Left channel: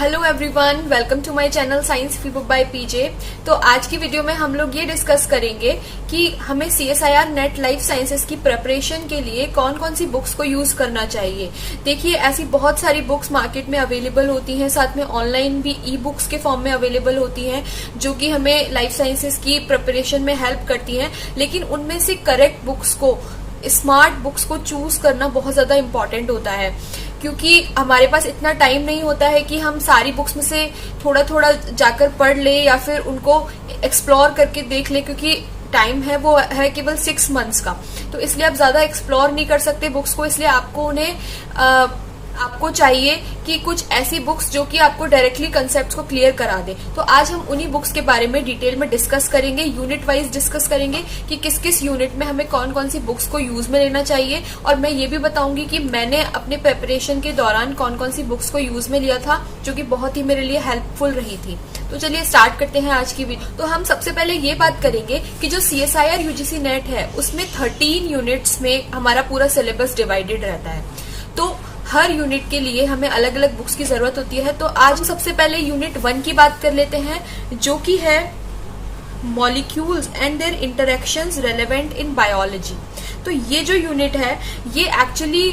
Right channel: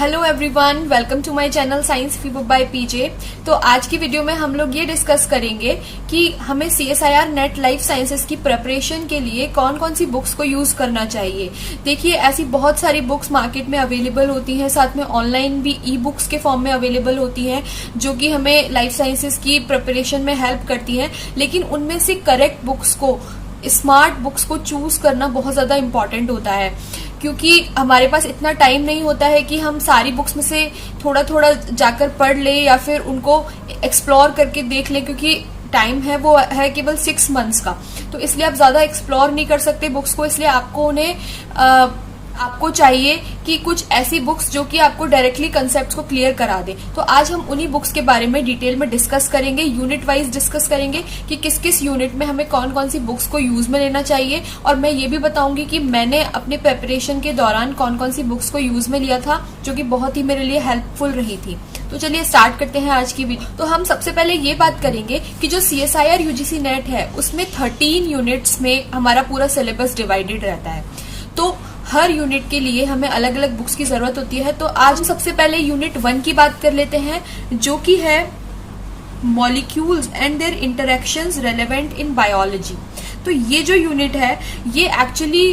Hello everyone, welcome to my channel science fee book by PJ. तो आज की video में हम लोग ये डिस्कस करेंगे कि हमें CSIR नेट लाइफ साइंसेस की प्रिपरेशन के लिए कौन कौन सी बुक्स को यूज करना चाहिए। देखिए, ऐसी बहुत सारी बुक्स मार्केट में अवेलेबल होती हैं, साथ में ऑनलाइन भी ई बुक्स के फॉर्म में अवेलेबल होती हैं जो कि हमें लाइफ साइंसेस की प्रिपरेशन में हेल्प करती हैं। लेकिन उनमें से करेक्ट बुक्स को, स्मार्ट बुक्स को चूज करना बहुत ज्यादा इम्पोर्टेंट होता है, क्योंकि हमारे पास इतना टाइम नहीं होता है कि हम सारी बुक्स में से थोड़ा थोड़ा जाकर पढ़ लें या फिर उनको एक्सप्लोर करके देख लें, क्योंकि टाइम है वो है केवल 6 मंथ्स का। तो इसलिए आप ज्यादा एक्सप्लोर नहीं कर सकते बुक्स को, इसलिए आपको उन्हें आपको चाहिए कि कुछ ऐसी बुक्स जो कि आपको डायरेक्टली कंसेप्ट को क्लियर करा दे। तो आज हम उन्हीं बुक्स के बारे में डिटेल में डिस्कस करेंगे, यूनिट वाइज डिस्कस करेंगे कि किस किस यूनिट में हमें कौन कौन सी बुक्स को यूज में लेना चाहिए। और मैं ये भी बताऊंगी कि मैंने अपने प्रिपरेशन के दौरान कौन कौन सी बुक्स को यूज में लिया था जो कि बहुत ही मेरे लिए हेल्पफुल रही थी। तो चलिए स्टार्ट करते हैं आज की वीडियो। तो हम सबसे पहले ये बात करेंगे कि जो CSIR UGC नेट है उसमें 13 यूनिट्स में हमारा पूरा सिलेबस डिवाइडेड रहता है। तो हर यूनिट के लिए हमें अलग अलग बुक्स की जरूरत होती है। तो आज हम सबसे पहले यूनिट 1 की बात कर लेते हैं, जो कि है molecules and their interactions relevant in biology. तो ये जो यूनिट है ये एक्चुअली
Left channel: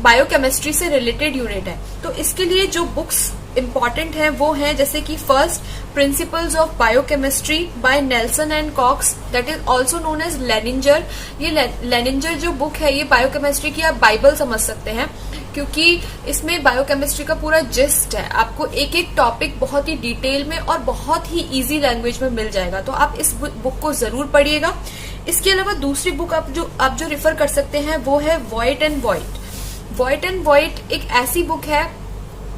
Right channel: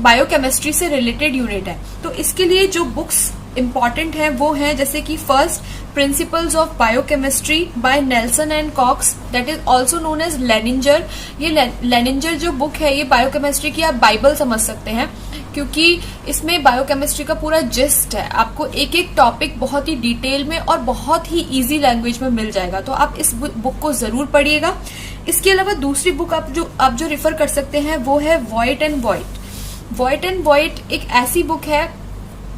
बायोकेमिस्ट्री से रिलेटेड यूनिट है। तो इसके लिए जो बुक्स इम्पॉर्टेंट है वो है जैसे कि first, principles of biochemistry by Nelson and Cox, that is also known as Lehninger. ये लेनिंजर जो बुक है ये बायोकेमिस्ट्री की आप बाइबल समझ सकते हैं, क्योंकि इसमें बायोकेमिस्ट्री का पूरा जिस्ट है। आपको एक एक टॉपिक बहुत ही डिटेल में और बहुत ही इजी लैंग्वेज में मिल जाएगा। तो आप इस बुक को जरूर पढ़िएगा। इसके अलावा दूसरी बुक आप जो रेफर कर सकते हैं वो है void and void. Void and void एक ऐसी बुक है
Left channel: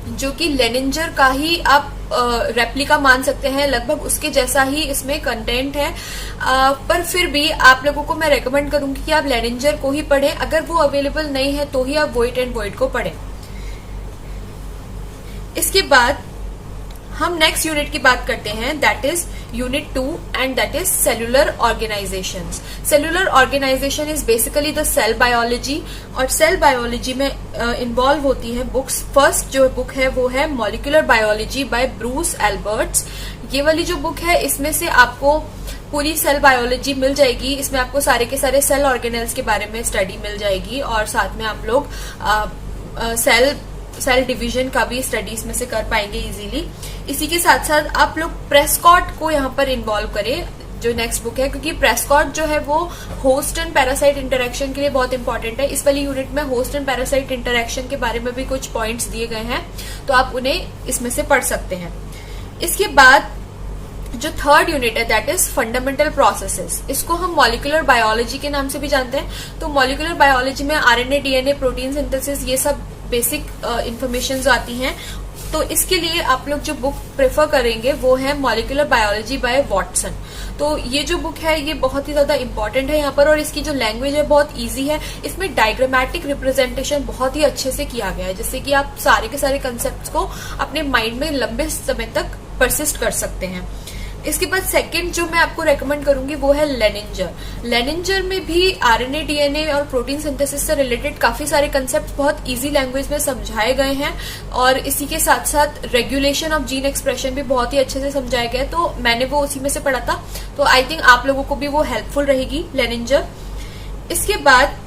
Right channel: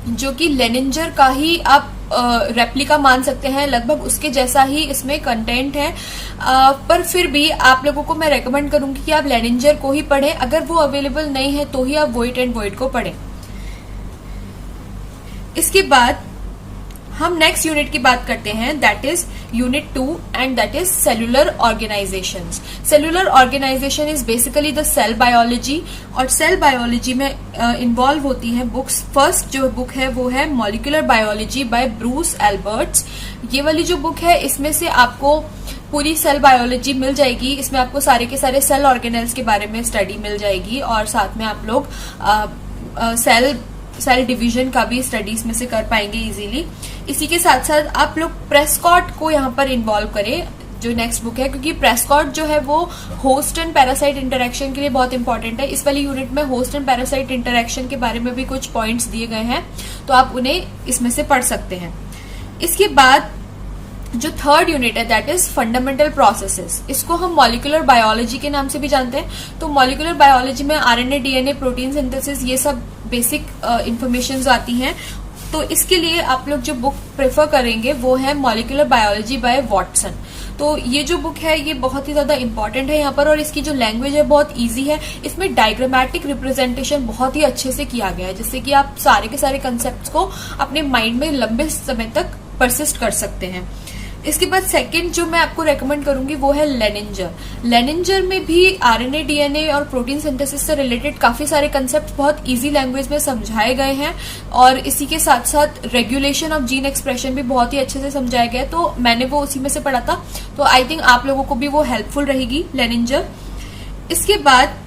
जो कि लेनिंजर का ही आप रेप्लिका मान सकते हैं, लगभग उसके जैसा ही इसमें कंटेंट है। पर फिर भी आप लोगों को मैं रेकमेंड करूंगी कि आप लेनिंजर को ही पढ़ें। अगर वो अवेलेबल नहीं है तो ही आप वॉइट एंड वॉइट को पढ़ें। इसके बाद हम नेक्स्ट यूनिट की बात करते हैं, that is unit 2 and that is cellular organisations. Cellular organisation is basically the cell biology, और सेल बायोलॉजी में इन्वॉल्व होती है बुक्स। फर्स्ट जो बुक है वो है molecular biology by Bruce Alberts. ये वाली जो बुक है इसमें से आपको पूरी सेल बायोलॉजी मिल जाएगी। इसमें आपको सारे के सारे सेल ऑर्गेनेल्स के बारे में स्टडी मिल जाएगी, और साथ में आप लोग सेल डिवीजन का भी स्टडीज में से कर पाएंगे इजीली। इसी के साथ साथ आप लोग प्रेस्कॉट को यहाँ पर इन्वॉल्व करें, जो नेक्स्ट बुक है, क्योंकि प्रेस्कॉट जो है वो होस्ट एंड पैरासाइट इंटरेक्शन के लिए बहुत इंपॉर्टेंट है। इस वाली यूनिट में होस्ट एंड पैरासाइट इंटरेक्शन के बारे में भी कुछ पॉइंट्स दिए गए हैं, तो आप उन्हें इसमें से पढ़ सकते हैं। इसके बाद जो थर्ड यूनिट है दैट इज फंडामेंटल प्रोसेसेस। इसको हम मॉलिक्यूलर बायोलॉजी के नाम से भी जानते हैं। तो मॉलिक्यूलर बायोलॉजी में RNA, DNA, प्रोटीन सिंथेसिस, ये सब बेसिक इंफॉर्मेशन आती हैं। तो इसके लिए आप लोग जो बुक प्रेफर करेंगे वो है मॉलिक्यूलर बायोलॉजी बाय वॉटसन। तो ये जो बुक है ये बहुत ही ज्यादा इंपॉर्टेंट है यहाँ पर, और इसकी जो लैंग्वेज है बहुत इजी है। इसमें डायग्रामेटिक रिप्रेजेंटेशन बहुत ही अच्छे से किया गया है, जिससे कि आप सारे के सारे कंसेप्ट को अपने माइंड में लंबे समय तक परसिस्ट कर सकते हैं। इसके बाद सेकंड जो मैं आपको रेकमेंड करूंगी वो है लेनिंजर। लेनिंजर में भी RNA, DNA और प्रोटीन सिंथेसिस से रिलेटेड काफी सारे कंसेप्ट बहुत इजी लैंग्वेज में समझाए गए हैं, और इसी के साथ साथ रेगुलेशन ऑफ जीन एक्सप्रेशन भी बहुत ही अच्छे से समझाया गया है। तो मैंने वो उसी में से पढ़ा था, तो आई थिंक आप लोगों को भी वो हेल्पफुल रहेगी लेनिंजर। इसके बाद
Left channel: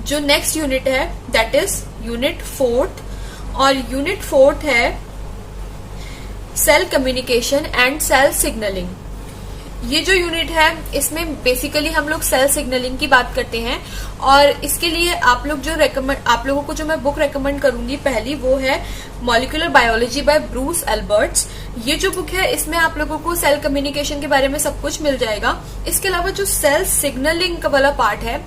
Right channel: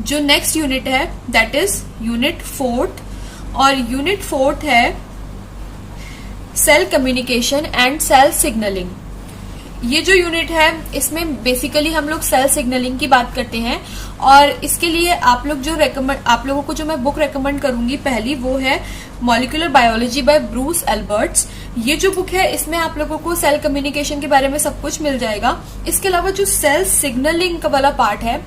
जो नेक्स्ट यूनिट है दैट इज यूनिट 4th, और यूनिट 4th है cell communication and cell signalling. ये जो यूनिट है इसमें बेसिकली हम लोग सेल सिग्नलिंग की बात करते हैं, और इसके लिए आप लोगों को जो मैं बुक रेकमेंड करूंगी पहली वो है molecular biology by Bruce Alberts. ये जो बुक है इसमें आप लोगों को सेल कम्युनिकेशन के बारे में सब कुछ मिल जाएगा। इसके अलावा जो सेल सिग्नलिंग का वाला पार्ट है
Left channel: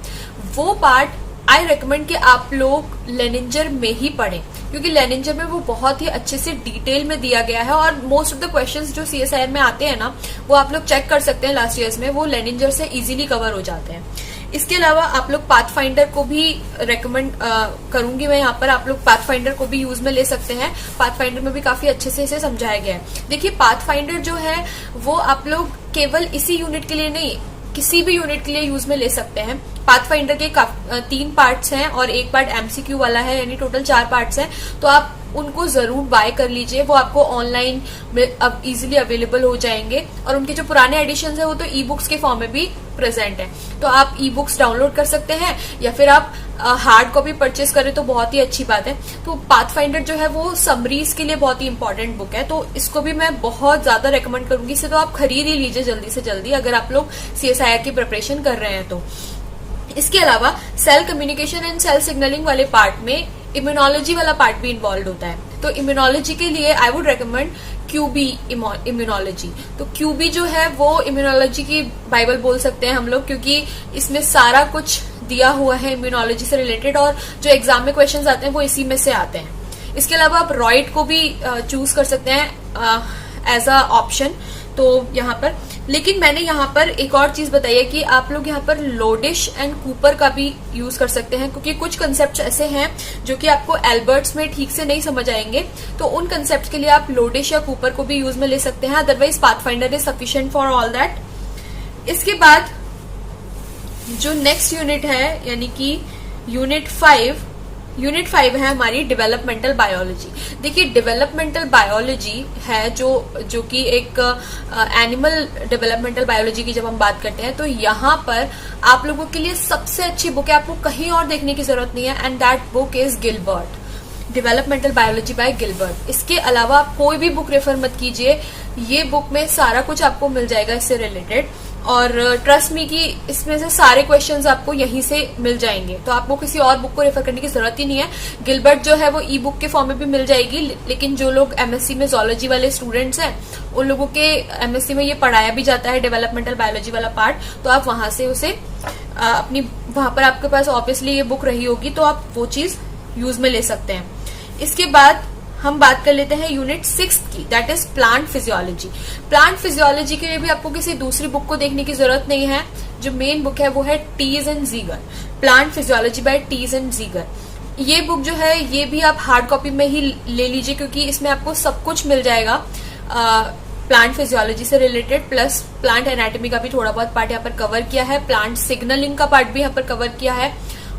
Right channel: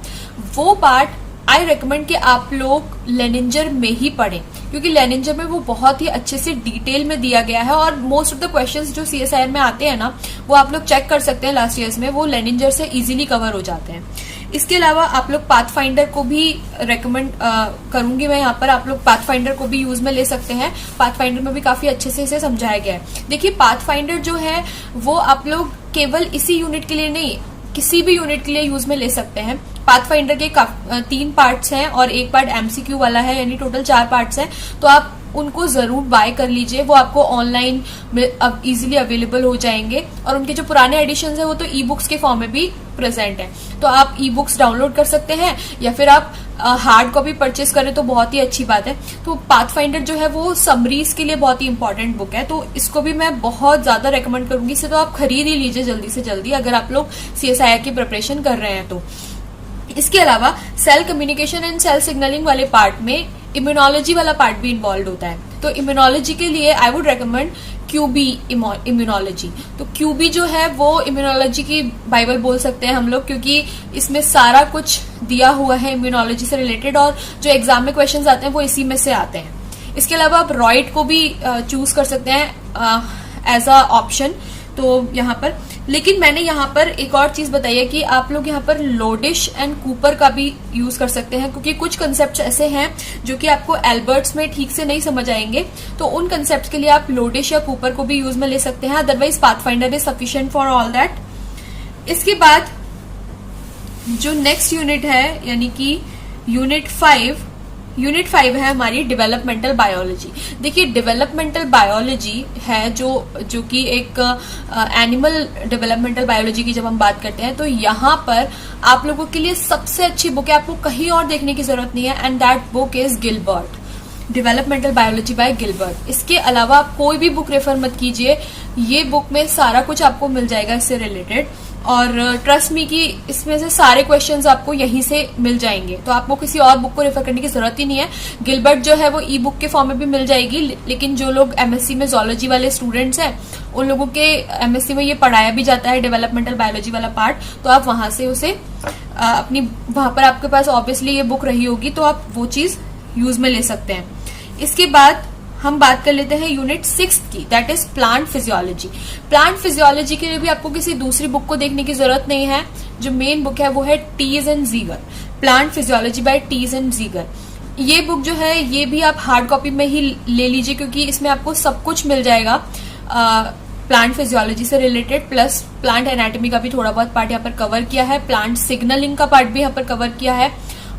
वो पार्ट आई रेकमेंड कि आप लोग लेनिंजर में ही पढ़ें, क्योंकि लेनिंजर में वो बहुत ही अच्छे से डिटेल में दिया गया है, और मोस्ट ऑफ द क्वेश्चंस जो CSIR में आते हैं ना वो आप लोग चेक कर सकते हैं लास्ट ईयर्स में, वो लेनिंजर से इजीली कवर हो जाते हैं। इसके अलावा आप लोग पाथफाइंडर को भी रेकमेंड करूंगी मैं यहाँ पर। आप लोग पाथफाइंडर को भी यूज में ले सकते हैं। पाथफाइंडर में भी काफी अच्छे से इसे समझाया गया है। देखिए, पाथफाइंडर जो है वो आप लोग केवल इसी यूनिट के लिए नहीं, किसी भी यूनिट के लिए यूज में ले सकते हैं। पाथफाइंडर के 3 पार्ट्स हैं और एक पार्ट एमसीक्यू वाला है, यानी टोटल 4 पार्ट्स हैं। तो आप उनको जरूर बाय कर लीजिए। वो आपको ऑनलाइन अब इजीली अवेलेबल हो जाएंगे और उनके जो पुराने एडिशन है वो तो ई बुक्स के फॉर्म में भी प्रेजेंट है, तो आप ई बुक्स डाउनलोड कर सकते हैं या फिर आप हार्ड कॉपी परचेस करें तो बहुत ही अच्छी बात है। तो पाथफाइंडर जो है वो समरीज के लिए बहुत ही इंपॉर्टेंट बुक है, तो इसको भी मैं बहुत ज्यादा रेकमेंड करूंगी। इसे तो आप खरीद ही लीजिए जल्दी से जल्दी अगर आप लोग CSIR की प्रिपरेशन कर रहे हैं तो। इसके अलावा cell communication and cell signalling वाले पार्ट में इम्यूनोलॉजी वाला पार्ट भी इन्वॉल्व होता है, तो इम्यूनोलॉजी के लिए I would recommend QB immunology. तो QB जो है वो इम्यूनोलॉजी की बाइबल बोल सकते हैं हम लोग, क्योंकि इसमें सारा कुछ दिया हुआ है इम्यूनोलॉजी से रिलेटेड और जो एग्जाम में क्वेश्चंस आते हैं वो इसी में से आते हैं। इसके अलावा आप रॉइड को भी चूज कर सकते हैं एज अ ऑप्शन तो यहाँ पर, लेकिन मैंने यहाँ पर एक और चीज बताई है कि आप लोग यहाँ पर लोडिश एंड कूपर का भी यूज कर सकते हैं, क्योंकि कुछ कंसेप्ट ऐसे हैं जो कि आपको एल्बर्ट्स में ठीक से नहीं समझ आएंगे, तो उन कंसेप्ट के लिए आप लोडिश या कूपर को भी यूज में ले सकते हैं। Otherwise pathfinder is sufficient for all that. इसके बाद जो नेक्स्ट यूनिट है यानी कि यूनिट 5 है हमारी डेवलपमेंटल बायोलॉजी। देखिए डेवलपमेंटल बायोलॉजी है जो कि एक एनिमल डेवलपमेंटल बायोलॉजी की जब हम बात करते हैं तो यहाँ पर आप लोगों के लिए सबसे अच्छी बुक है, आपको कहीं और देखने की जरूरत नहीं है, and that book is Gilbert, developmental biology by Gilbert. इसके अलावा आप कोई भी बुक रेफर मत कीजिए, ये बुक में सारा कुछ आपको मिल जाएगा इससे रिलेटेड, और ट्रस्ट मी कि इसमें से सारे क्वेश्चंस आपको यहीं से मिल जाएंगे, तो आपको किसी और बुक को रेफर करने की जरूरत ही नहीं है। गिलबर्ट जो है वो ई बुक के फॉर्म में भी मिल जाएगी, लेकिन जो लोग MSc में जोलॉजी वाले स्टूडेंट्स हैं उन लोगों के MSc में ये पढ़ाया भी जाता है डेवलपमेंटल बायोलॉजी वाला पार्ट, तो आप वहां से उसे अपनी वहां पर आपके पास ऑब्वियसली ये बुक रही होगी तो आप वो चीज यूज में ले सकते हैं। इसके बाद हम बात कर लेते हैं यूनिट 6 की, that is plant physiology. Plant physiology के लिए भी आपको किसी दूसरी बुक को देखने की जरूरत नहीं है, जो मेन बुक है वो है Taiz and Zeiger, plant physiology by Taiz and Zeiger. ये बुक जो है ये भी आप हार्ड कॉपी में ही ले लीजिए, क्योंकि इसमें आपको सब कुछ मिल जाएगा प्लांट फिजियोलॉजी से रिलेटेड, प्लस प्लांट एनाटॉमी का भी थोड़ा बहुत पार्ट यहाँ पर कवर किया है, प्लांट सिग्नलिंग का पार्ट भी यहाँ पर कवर किया है,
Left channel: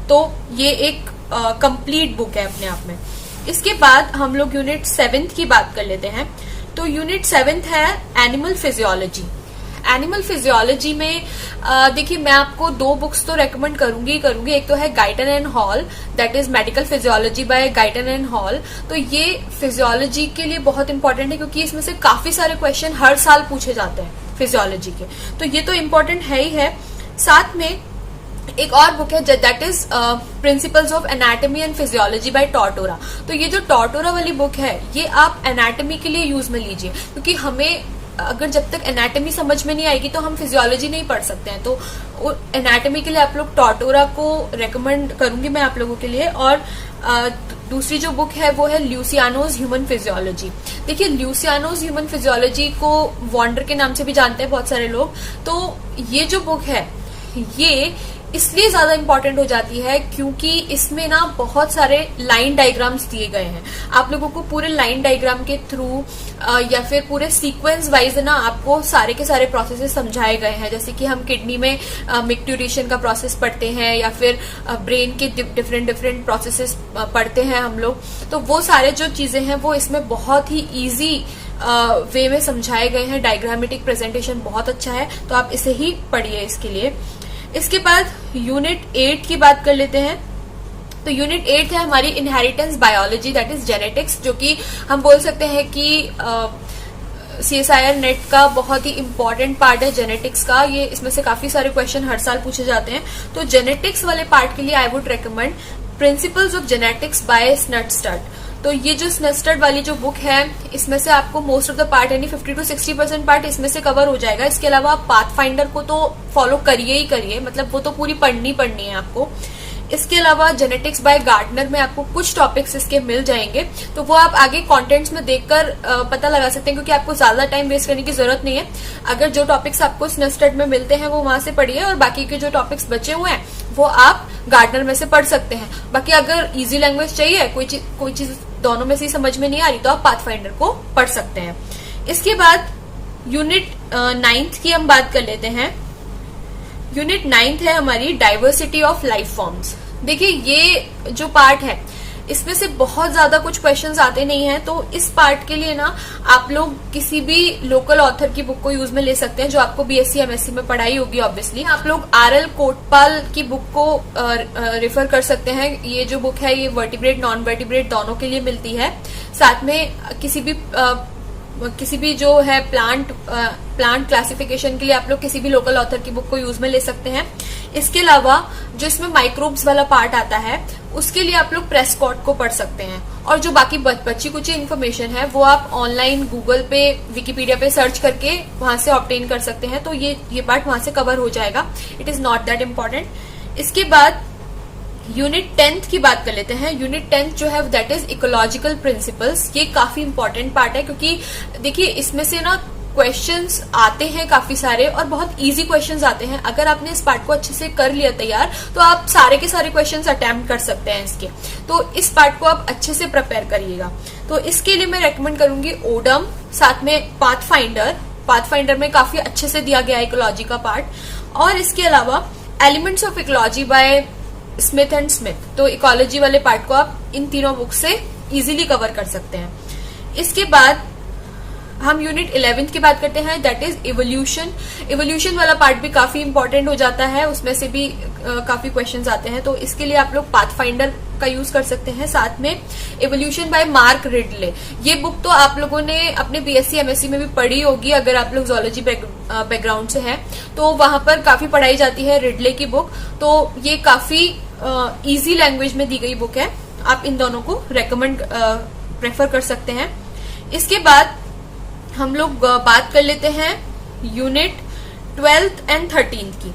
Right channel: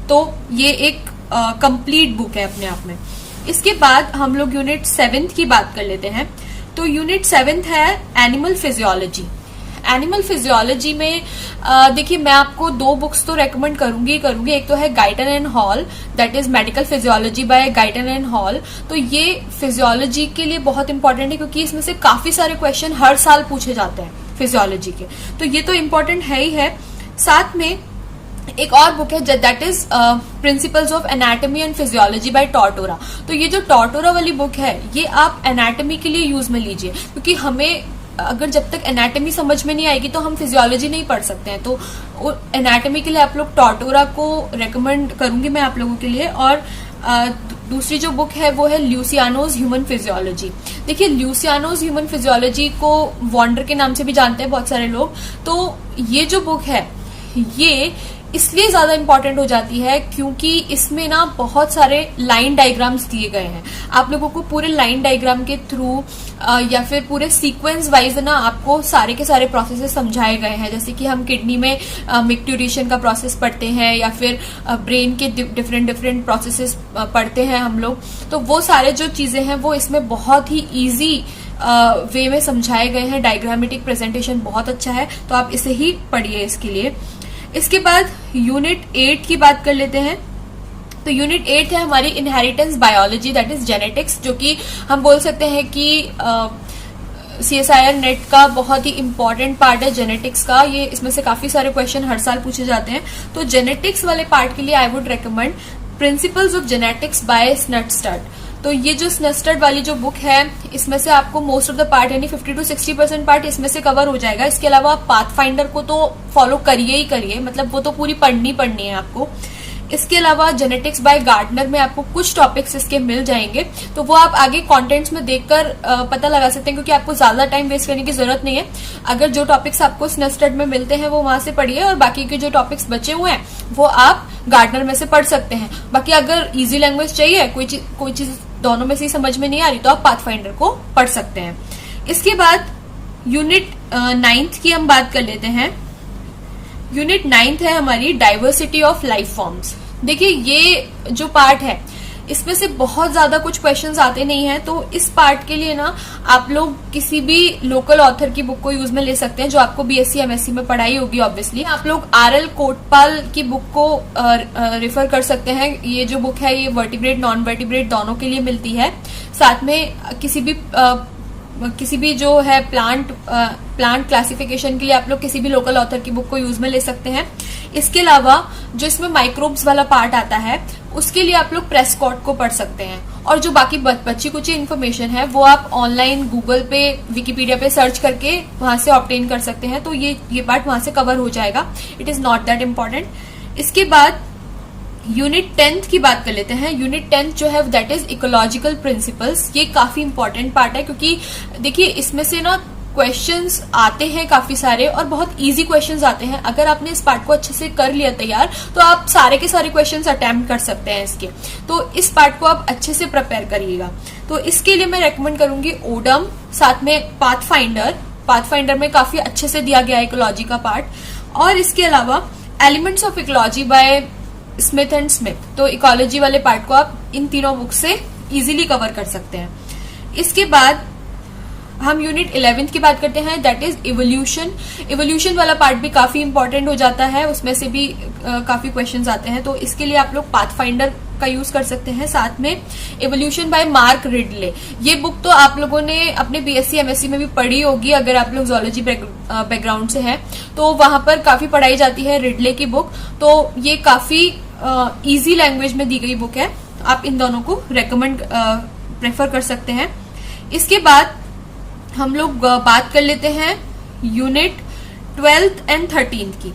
तो ये एक कंप्लीट बुक है अपने आप में। इसके बाद हम लोग यूनिट 7 की बात कर लेते हैं। तो यूनिट 7 है एनिमल फिजियोलॉजी। एनिमल फिजियोलॉजी में देखिए मैं आपको 2 बुक्स तो रेकमेंड करूंगी। एक तो है Guyton and Hall, that is medical physiology by Guyton and Hall. तो ये फिजियोलॉजी के लिए बहुत इंपॉर्टेंट है, क्योंकि इसमें से काफी सारे क्वेश्चन हर साल पूछे जाते हैं फिजियोलॉजी के, तो ये तो इम्पोर्टेंट है ही है। साथ में एक और बुक है that is principles of anatomy and physiology by Tortora. तो ये जो टॉर्टोरा वाली बुक है ये आप एनाटॉमी के लिए यूज में लीजिए, क्योंकि हमें अगर जब तक एनाटॉमी समझ में नहीं आएगी तो हम फिजियोलॉजी नहीं पढ़ सकते हैं, तो एनाटॉमी के लिए आप लोग टॉर्टोरा को रेकमेंड करूंगी मैं आप लोगों के लिए। और दूसरी जो बुक है वो है ल्यूसियानोज ह्यूमन फिजियोलॉजी। देखिए ल्यूसियानोज ह्यूमन फिजियोलॉजी को वॉन्डर के नाम से भी जानते हैं बहुत सारे लोग, तो ये जो बुक है ये इसलिए ज्यादा इंपॉर्टेंट हो जाती है क्योंकि इसमें ना बहुत सारे लाइन डायग्राम्स दिए गए हैं। आप लोगों को पूरे लाइन डायग्राम के थ्रू या फिर पूरे सीक्वेंस वाइज ना आपको सारे के सारे प्रोसेसेस समझाए गए हैं, जैसे कि हम किडनी में मिक्ट्यूरेशन का प्रोसेस पढ़ते हैं या फिर ब्रेन के डिफरेंट प्रोसेसेस पढ़ते हैं हम लोग, तो वो सारे जो चीजें हैं वो इसमें बहुत ही ईजी वे में समझाए गए हैं। डायग्रामेटिक प्रेजेंटेशन बहुत अच्छा है, तो आप इसे ही पढ़िए इसके लिए। इसके बाद यूनिट 8 की बात कर लेते हैं। तो यूनिट 8 है हमारी inheritance biology, that is genetics, जो कि हम बोल सकते हैं कि CSIR नेट का बहुत ही इंपॉर्टेंट पार्ट है जेनेटिक्स का। ये इसमें से काफी सारे क्वेश्चन हर साल पूछे जाते हैं, तो जेनेटिक्स वाले पार्ट के लिए I would recommend principles of genetics by Snustad. तो ये जो स्नटस्टड वाली जो बुक है इसमें से आपको मोस्ट ऑफ द पार्ट यानी 50 to 60% पार्ट इसमें से कवर हो जाएगा। इसके अलावा आप पाथफाइंडर को तो फॉलो करिए ही करिए, मतलब वो तो पूरी पढ़नी है आपको। इसके अलावा जेनेटिक्स बाय गार्डनर में आपको कुछ टॉपिक्स इसके मिल जाएंगे, तो वो आप आगे कंटेंट्स में देखकर पता लगा सकते हैं, क्योंकि आपको ज्यादा टाइम वेस्ट करने की जरूरत नहीं है। अगर जो टॉपिक्स आपको स्नटस्टड में मिलते हैं वो वहां से पढ़िए, और बाकी के जो टॉपिक्स बचे हुए हैं वो आप गार्डनर में से पढ़ सकते हैं। बाकी अगर इजी लैंग्वेज चाहिए, कोई चीज दोनों में से समझ में नहीं आ रही, तो आप पाथफाइंडर को पढ़ सकते हैं। इसके बाद यूनिट 9 की हम बात कर लेते हैं। यूनिट 9 है हमारी डाइवर्सिटी ऑफ लाइफ फॉर्म्स। देखिए ये जो पार्ट है इसमें से बहुत ज्यादा कुछ क्वेश्चंस आते नहीं हैं, तो इस पार्ट के लिए ना आप लोग किसी भी लोकल ऑथर की बुक को यूज में ले सकते हैं जो आपको बीएससी एमएससी में पढ़ाई होगी। ऑब्वियसली आप लोग आरएल कोटपाल की बुक को रेफर कर सकते हैं। ये जो बुक है ये वर्टिब्रेट नॉन वर्टिब्रेट दोनों के लिए मिलती है। साथ में किसी भी जो है प्लांट क्लासिफिकेशन के लिए आप लोग किसी भी लोकल ऑथर की बुक को यूज में ले सकते हैं। इसके अलावा जो इसमें माइक्रोब्स वाला पार्ट आता है उसके लिए आप लोग प्रेस्कॉट को पढ़ सकते हैं, और जो बाकी बच्ची कुछ इन्फॉर्मेशन है वो आप ऑनलाइन गूगल पे विकिपीडिया पे सर्च करके वहां से ऑब्टेन कर सकते हैं, तो ये पार्ट वहां से कवर हो जाएगा। It is not that important. इसके बाद यूनिट 10th की बात कर लेते हैं। यूनिट 10th जो है दैट इज इकोलॉजिकल प्रिंसिपल्स। ये काफी इंपॉर्टेंट पार्ट है क्योंकि देखिए इसमें से ना क्वेश्चंस आते हैं काफी सारे और बहुत इजी क्वेश्चंस आते हैं। अगर आपने इस पार्ट को अच्छे से कर लिया तैयार तो आप सारे के सारे क्वेश्चंस अटेम्प्ट कर सकते हैं इसके। तो इस पार्ट को आप अच्छे से प्रिपेयर करिएगा। तो इसके लिए मैं रेकमेंड करूंगी ओडम, साथ में पाथफाइंडर में काफी अच्छे से दिया गया है इकोलॉजी का पार्ट। और इसके अलावा elements of ecology bye Smith and Smith, तो इकोलॉजी वाले पार्ट को आप इन तीनों बुक से इजीली कवर कर सकते हैं। इसके बाद हम यूनिट 11th की बात करते हैं, दैट इज इवोल्यूशन वाला पार्ट भी काफी इंपॉर्टेंट हो जाता है, उसमें से भी काफी क्वेश्चंस आते हैं। तो इसके लिए आप लोग पाथफाइंडर का यूज कर सकते हैं। साथ में इवोल्यूशन बाय मार्क रिडले, ये बुक तो आप लोगों ने अपने बीएससी एमएससी में भी पढ़ी होगी। अगर आप लोग जूलॉजी बैकग्राउंड से हैं तो वहां पर काफी पढ़ाई जाती है रिडले की बुक। तो ये काफी इजी लैंग्वेज में दी गई बुक है, आप इन दोनों को प्रेफर कर सकते हैं। इसके बाद हम लोग बात कर लेते हैं यूनिट 12th एंड 13th की।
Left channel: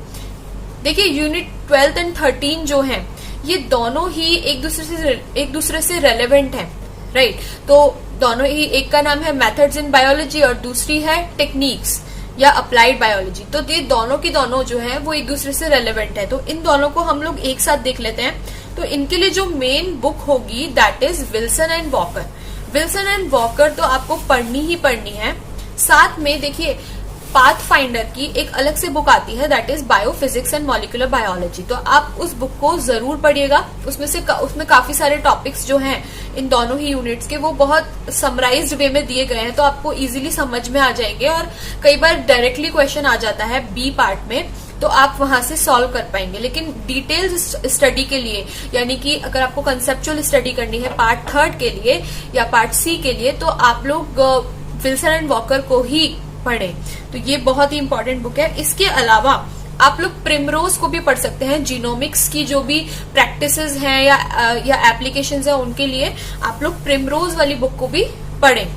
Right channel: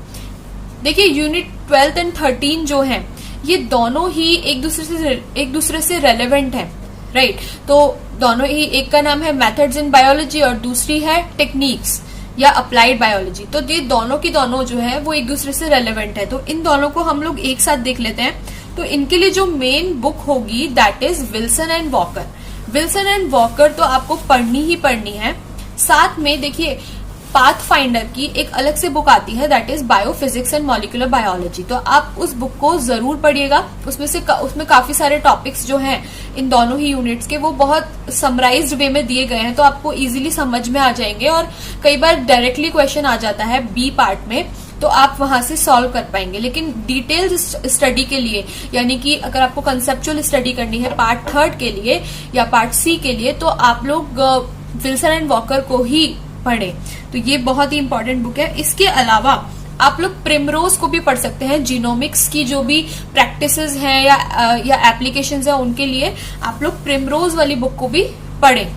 देखिए यूनिट 12th एंड 13 जो है ये दोनों ही एक दूसरे से रेलेवेंट है, राइट। तो दोनों ही, एक का नाम है मेथड्स इन बायोलॉजी और दूसरी है टेक्निक्स या अप्लाइड बायोलॉजी। तो ये दोनों की दोनों जो है वो एक दूसरे से रेलेवेंट है, तो इन दोनों को हम लोग एक साथ देख लेते हैं। तो इनके लिए जो मेन बुक होगी that is Wilson and walker तो आपको पढ़नी ही पढ़नी है। साथ में देखिए पाथफाइंडर की एक अलग से बुक आती है that is biophysics and molecular biology, तो आप उस बुक को जरूर पढ़िएगा। उसमें काफी सारे टॉपिक्स जो हैं इन दोनों ही यूनिट्स के वो बहुत समराइज्ड वे में दिए गए हैं, तो आपको इजीली समझ में आ जाएंगे। और कई बार डायरेक्टली क्वेश्चन आ जाता है बी पार्ट में, तो आप वहां से सॉल्व कर पाएंगे। लेकिन डिटेल्स स्टडी के लिए, यानी कि अगर आपको कंसेप्चुअल स्टडी करनी है पार्ट 3 के लिए या पार्ट सी के लिए, तो आप लोग विल्सन एंड वॉकर को ही पढ़ें। तो ये बहुत ही इंपॉर्टेंट बुक है। इसके अलावा आप लोग प्रिमरोज को भी पढ़ सकते हैं। जीनोमिक्स की जो भी प्रैक्टिसेस हैं या एप्लीकेशंस हैं उनके लिए आप लोग प्रिमरोज वाली बुक को भी पढ़ें।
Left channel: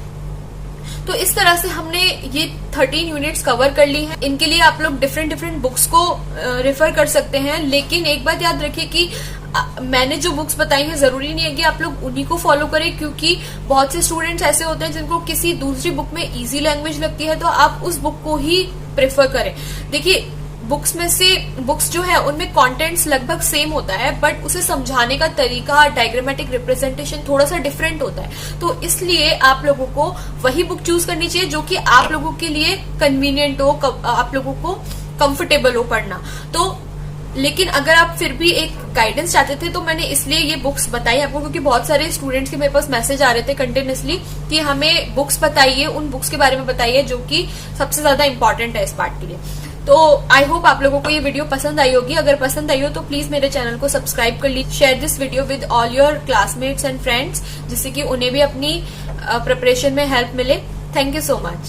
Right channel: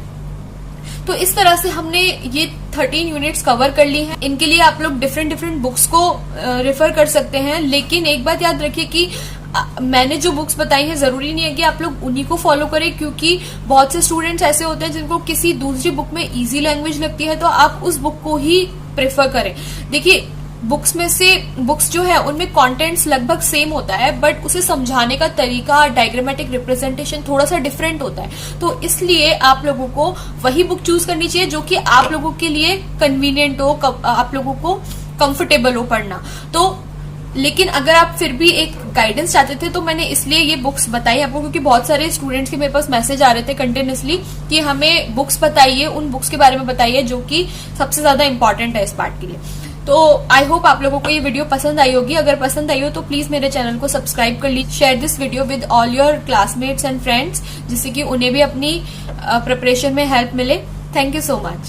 तो इस तरह से हमने ये 13 यूनिट्स कवर कर ली हैं। इनके लिए आप लोग डिफरेंट बुक्स को रेफर कर सकते हैं। लेकिन एक बात याद रखिए कि मैंने जो बुक्स बताई हैं जरूरी नहीं है कि आप लोग उन्हीं को फॉलो करें, क्योंकि बहुत से स्टूडेंट्स ऐसे होते हैं जिनको किसी दूसरी बुक में इजी लैंग्वेज लगती है, तो आप उस बुक को ही प्रेफर करें। देखिए बुक्स जो है उनमें कंटेंट्स लगभग सेम होता है, बट उसे समझाने का तरीका, डायग्रामेटिक रिप्रेजेंटेशन थोड़ा सा डिफरेंट होता है। तो इसलिए आप लोगों को वही बुक चूज करनी चाहिए जो कि आप लोगों के लिए कन्वीनियंट हो, आप लोगों को कंफर्टेबल हो पढ़ना। तो लेकिन अगर आप फिर भी एक गाइडेंस चाहते थे तो मैंने इसलिए ये बुक्स बताई आपको, क्योंकि बहुत सारे स्टूडेंट्स के मेरे पास मैसेज आ रहे थे कंटिन्यूअसली कि हमें बुक्स बताइए, उन बुक्स के बारे में बताइए जो कि सबसे ज्यादा इंपॉर्टेंट है इस पार्ट के लिए। तो आई होप आप लोगों को ये वीडियो पसंद आई होगी। अगर पसंद आई हो तो प्लीज मेरे चैनल को सब्सक्राइब कर लीजिए। Share this video with all your classmates and friends, जिससे कि उन्हें भी अपनी प्रिपरेशन में हेल्प मिले। Thank you so much.